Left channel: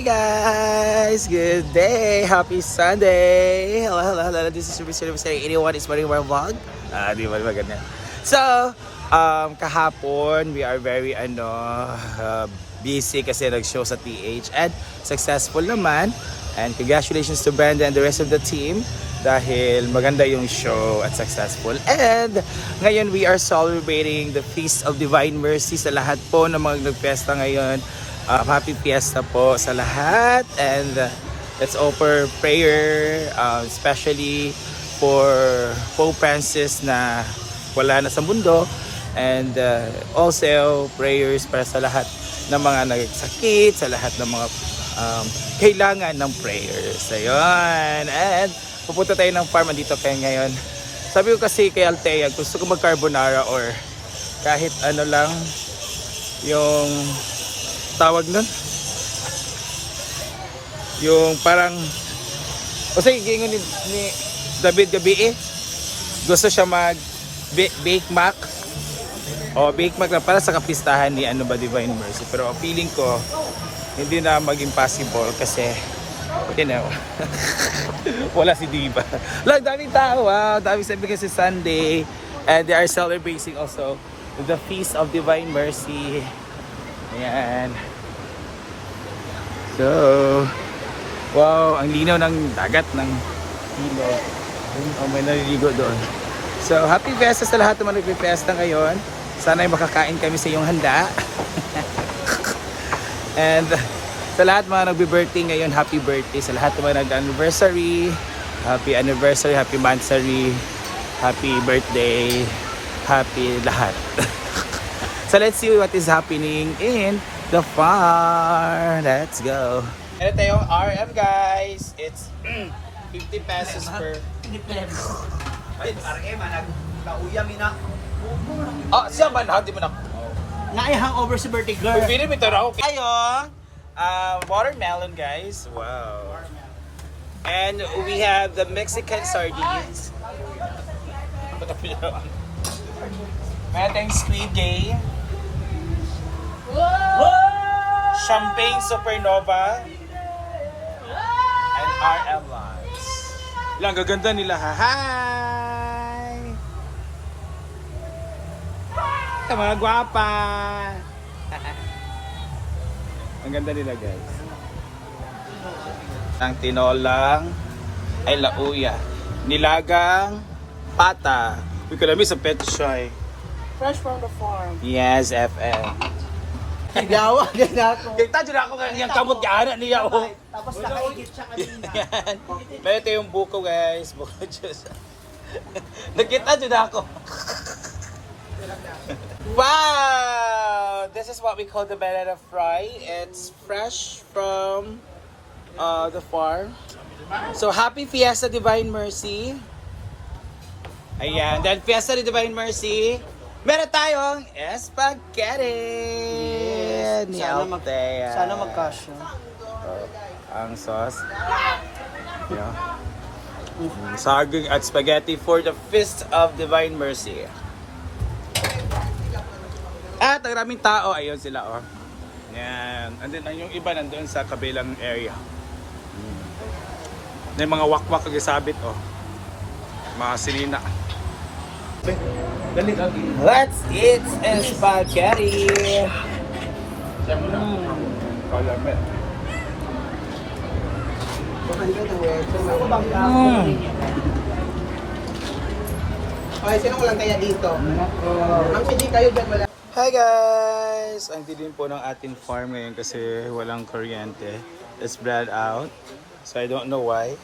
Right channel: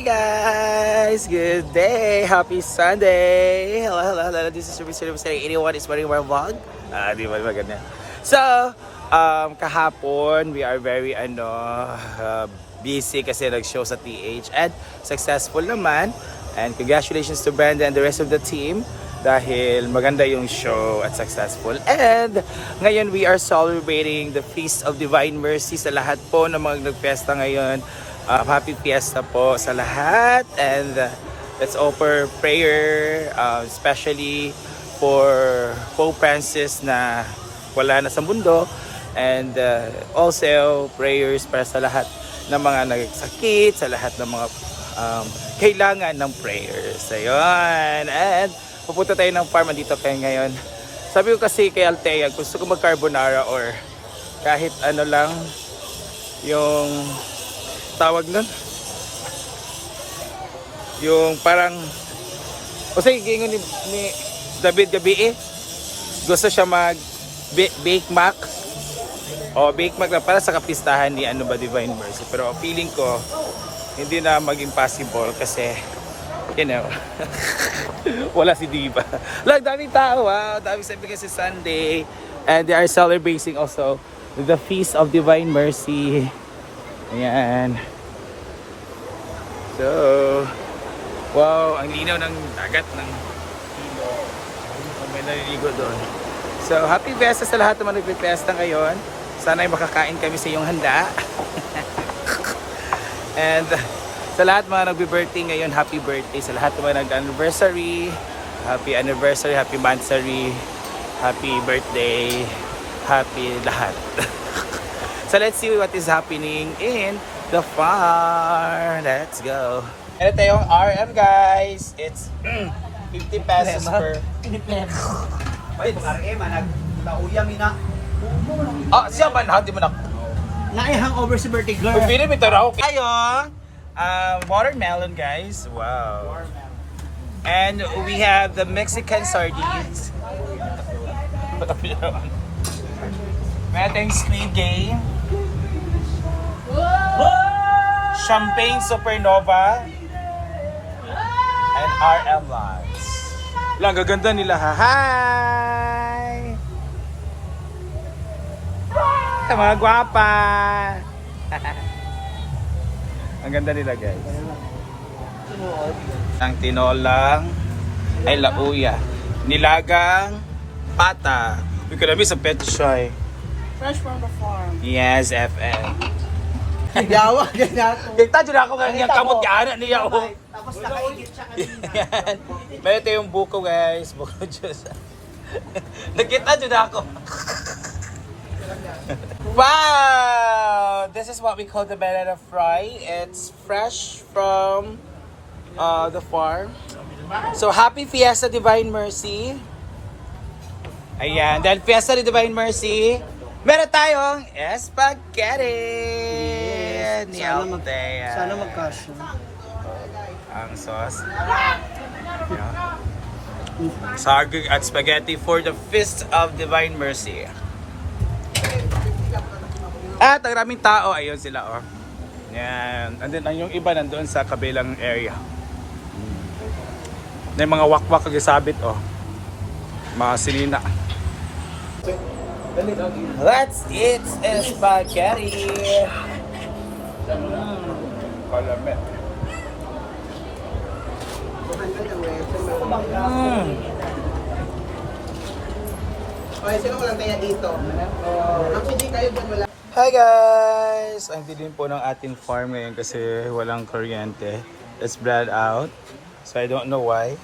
Hey guys, good day, happy Sunday. Hello, hello, hello. This is Ruby Sir saying 81 is morning more vlog. Ah, di ba maganda. So, um, kahapon we are very ano uh, busy kasi nag-show sa TH and successful naman. And congratulations to Brenda and the rest of the team dahil maganda yung show at successful. And ngayon we are celebrating the Feast of Divine Mercy sa lahat po ng mga nagpesta ngayon. Uh, happy fiesta po sa lahat and uh, let's offer prayer uh, especially for Pope Francis na wala na sa mundo and uh, also prayers para sa lahat ng mga nagsakit, sa lahat ng mga um, kailangan ng prayers. Ayun. And pupunta tayo ng farm dito kayo ngayon. Sabi ko kasi kay Altea, gusto ko mag-carbonara or kahit ano lang yung tawag nun. Yung parang o sige, gingon ni, ni David Gabi eh. Gusto siya mag ba- bake mac. O bake mac na para sa kapistahan ni ano ba Divine Mercy. Pero feeling ko hindi na maging possible kasi you know wala si Diva. Lang daming tao ah. Dami sabi kasi Sunday and they are celebrating also the Feast of Divine Mercy. Ayan. So, wow, ang linaw ng dagat ng ilog. Ayun, may naliligo doon. So, happy fiesta sa lahat ng mga nagpipiesta ngayon. Sana ay makakain kami sa iyong handa. And sa lahat mga nagbi-birthday ngayon, happy birthday. Sa lahat mga nag-anniversary, happy anniversary, happy monthsary, happy birthday, happy lahat. so let's see what is happening in the farm. Let's go. Ito yung RM guys. It's 50 pesos per... RM, nagkauyang ina. Ah, siya ba na? Di mo na... Naihang over si Bertie girl. Mo ito raw. Tayo, uh, watermelon guys. Wow. And we have the Mexican sardines. Tayong squid game. Champagne Supernova. And RM Lodge. Lang, gaganda nila ha. Hi! Hi, mga gwapa! Ang ganda nila guys. Ang tinolang ay lauya. Nilagang pata. Uy, kalami sa pet try. Fresh from the farm. Yes, FM. Yawa, ganyan ako. Kita dyan ako nga kamot ka anak niya oh. Tapos nakaigit siya kanina. Yan. Meron tayong buko guys. Buko juice. Nakita dyan ako. wow! This is what we call the banana fry. It's fresh from uh, the farm. So happy Fiesta Divine Mercy. Ayan. Dahil Fiesta ni Divine Mercy, meron tayong spaghetti. Ni Sana mag- Althea. Sana magkasya. ang sauce. Yeah. Saging at spaghetti for the Feast of Divine Mercy. At ang raming tao, ayun sila oh. Yan. And then ang yung iba nandoon sa kabilang area. Hmm. May mga wakwak ang sabit oh. Mga sinina. Let's eat spaghetti. Palamit. Mm. Okay, sino walang kaya dito? Ma'am, hindi kayo dyan wala. Hi guys! Ang din po ng ating farm ngayon kasi walang kuryente. It's spread out. So I don't know why.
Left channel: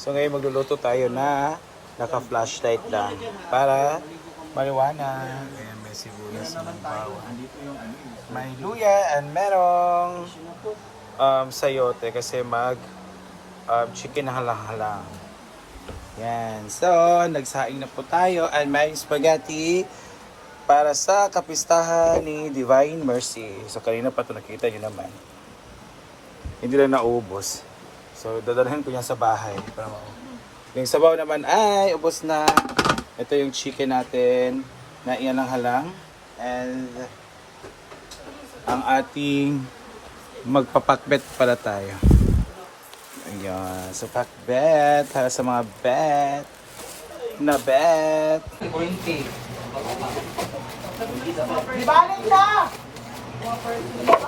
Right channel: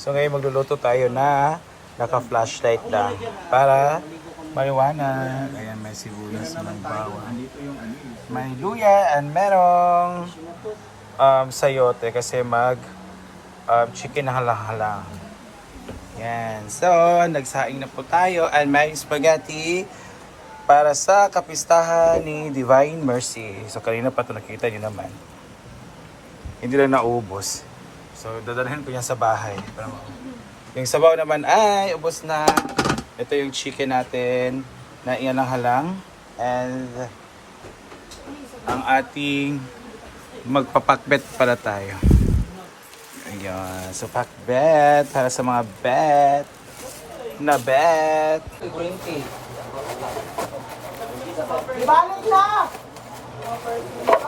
So ngayon magluluto tayo na naka-flashlight lang para maliwanag. Ayan, may sibuyas, may bawang. May luya and merong um, sayote kasi mag um, chicken halang-halang. Yan. So, nagsaing na po tayo and may spaghetti para sa kapistahan ni Divine Mercy. So, kanina pa ito nakita nyo naman. Hindi na naubos. So, dadalhin ko yan sa bahay. Yung sabaw naman ay ubos na. Ito yung chicken natin na iyan ang halang. And ang ating magpapakbet para tayo. Ayan. So, pakbet para sa mga bet. Na bet. Di balik siya!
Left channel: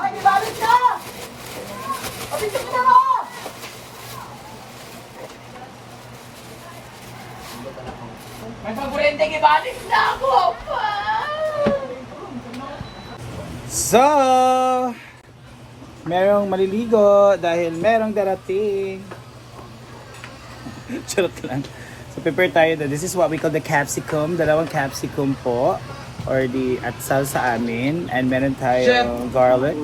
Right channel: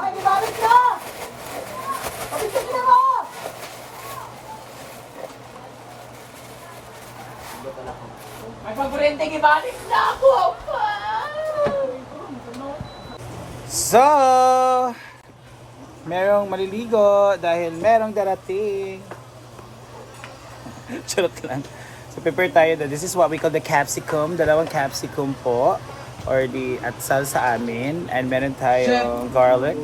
Ay, di balik siya! Kapit ka mo! May paborente ibalik na ako. So, merong maliligo dahil merong darating. Charot lang. So, prepare tayo na. This is what we call the capsicum. Dalawang capsicum po. Or the atsal sa amin. And meron tayong garlic.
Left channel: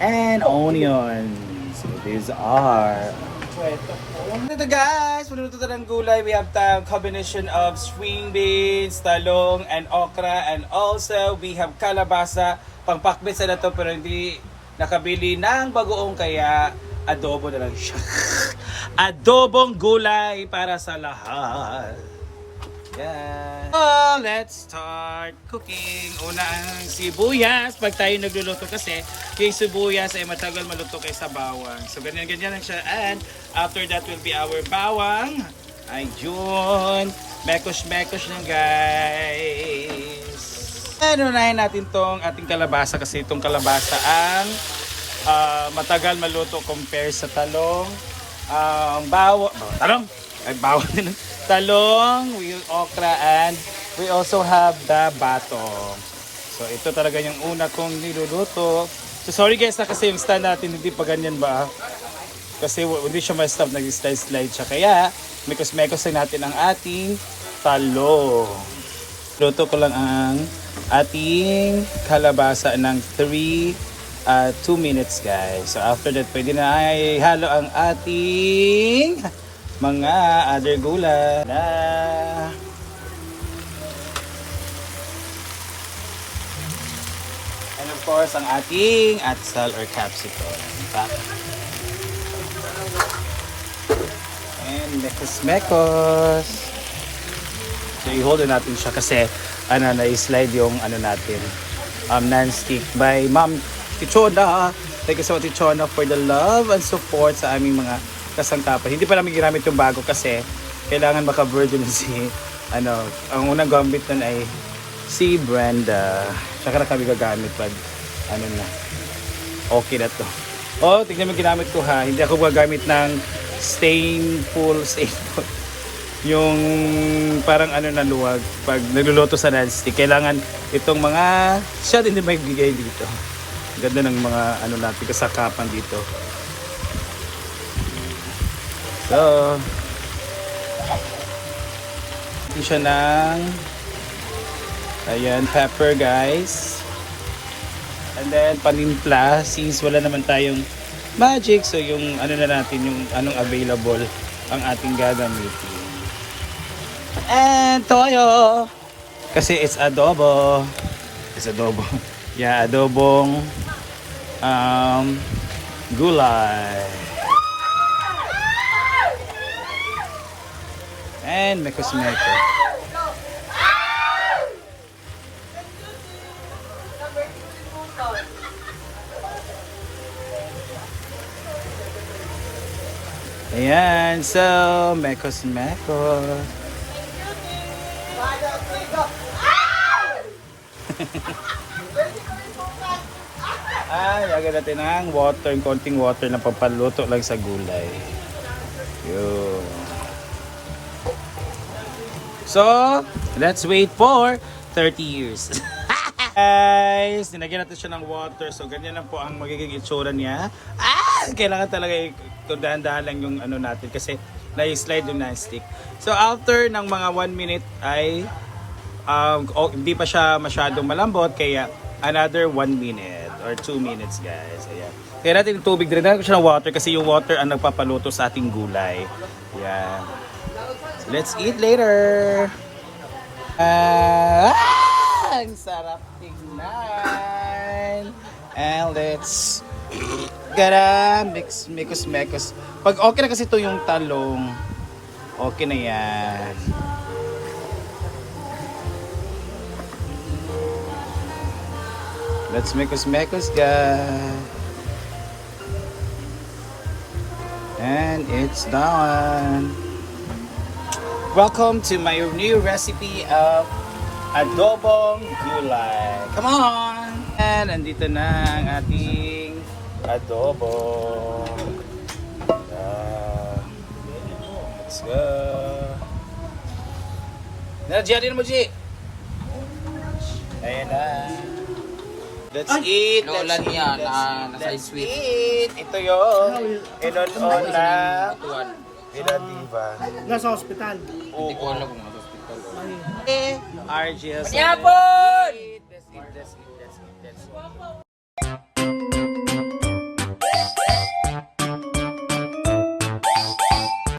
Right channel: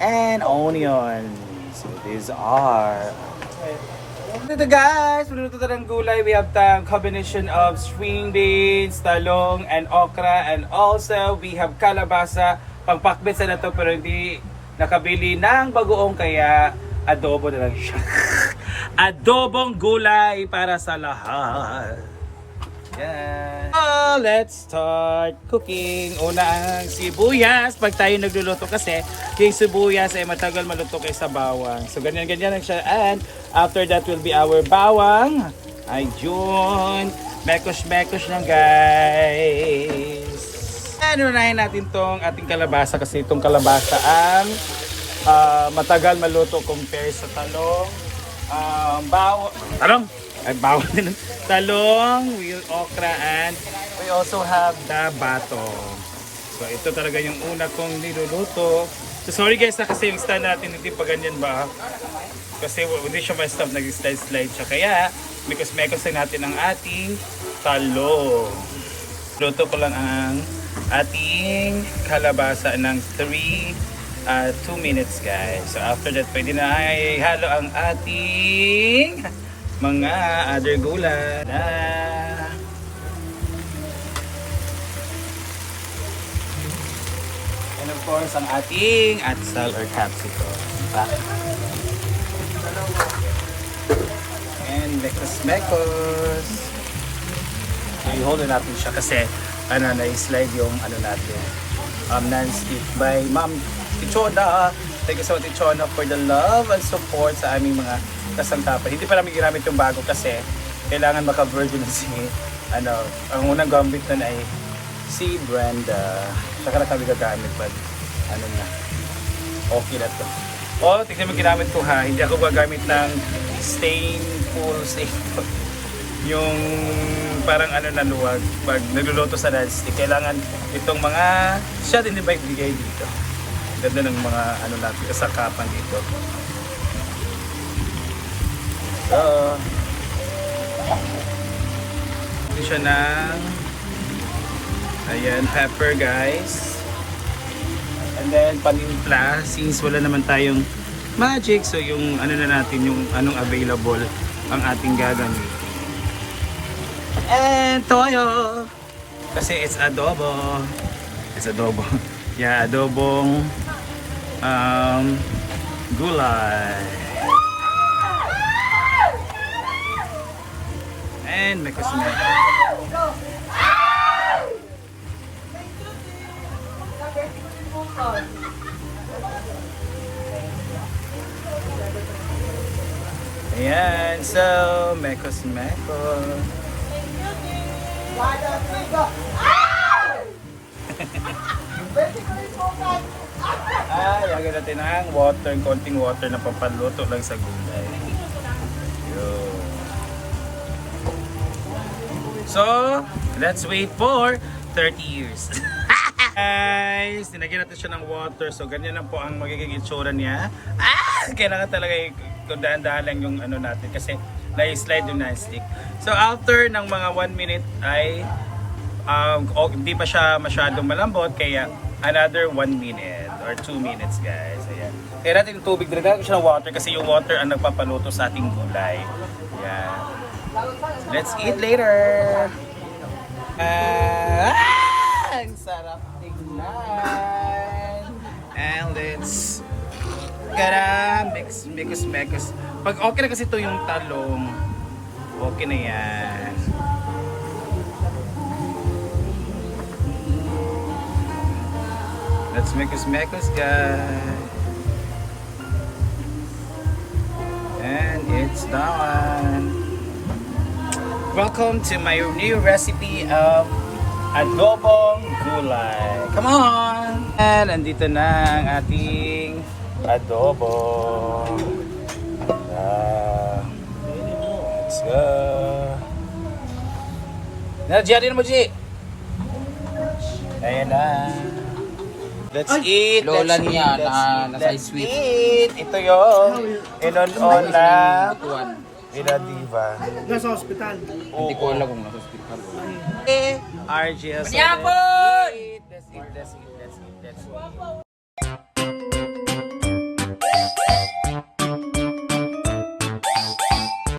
And onion. So, these are... Ito guys, manunuto tayo ng gulay. We have the combination of string beans, talong, and okra. And also, we have kalabasa. Pagpakbet sa na to pero hindi nakabili ng bagoong kaya adobo na lang siya. Adobong gulay para sa lahat. Yan. Oh, let's start cooking. Una ang sibuyas. Pag tayo nagluluto kasi, yung sibuyas ay matagal maluto kaysa bawang. So, ganyan-ganyan lang siya. And after that will be our bawang. Ayun. Mekos-mekos lang guys. And unahin natin tong ating kalabasa kasi itong kalabasa ang ah, matagal maluto compare sa talong. Ang bawang, talong, ay bawang din. talong, we okra and we also have the batong. So ito talaga yung una kong niluluto. So sorry guys na kasi yung stand natin hindi pa ganyan ba. Kasi hindi siya ma-stop, nag-slide-slide siya. Kaya, mekos-mekos natin ang ating talong. Luto ko lang ang ating kalabasa ng 3 uh, 2 minutes guys. So after that, pwede na ay halo ang ating mga other gulay na And of course, ang ating atsal or capsicum. Diba? And mekos-mekos. So, i-hold natin siya kasi ano, na-slide yung ano natin um, non-stick by Ma'am Tichona. Thank you so much Tichona for the love and support sa aming mga kasantapan. Hindi pa namin ginamit yung bago kasi kailangan maka-virgin si ano, ang unang gamit nun ay si Brenda. Saka na kami gagamit pag ano na. Okay na to. Oh, tignan mo yung ginamit ko ha. Hindi ako gagamit ng stainful, stainful yung parang ano na luwag pag niluluto sa non-stick kailangan itong mga siya din may bigay dito ganda ng mga ano natin kasakapan dito so siya ng ayan pepper guys and then panimpla since wala naman tayong magic so yung ano na natin yung anong available ang ating gagamit and toyo. Kasi it's adobo. It's adobo. Yeah, adobong um, gulay. And mekos-mekos. Ayan, so mekos-mekos. Ay, agad natin ang water, konting water na pampaluto lang sa gulay. Yun. So, let's wait for 30 years. Guys, dinagyan natin siya ng water. So, ganyan lang po ang magiging itsura niya. Ah! Kailangan talaga dahan-dahan lang yung ano natin kasi na-slide yung non-stick. So, after ng mga 1 minute ay um, oh, hindi pa siya masyadong malambot kaya another 1 minute or 2 minutes guys. Ayan. Kaya natin yung tubig, dinagyan ko siya ng water kasi yung water ang nagpapaluto sa ating gulay. Ayan. Let's eat later. Ah, ang sarap tingnan. And let's eat. Gara, mix, mekos. Pag okay na kasi ito yung talong, okay na yan. Let's mekos, mekos, guys. And it's done. Welcome to my new recipe of adobong gulay. Come on! And andito na ang ating adobo. Ah, let's go. Nardiyan mo, G. Ayan na. That's it. That's Lola it. niya, That's naka- it. That's it. Ito yung inon-on na Tuwan. Ina Diva. Nasa hospital. Hindi ko alam kung nasa hospital. RGL. Yapon! That's it. That's it. That's it. That's it.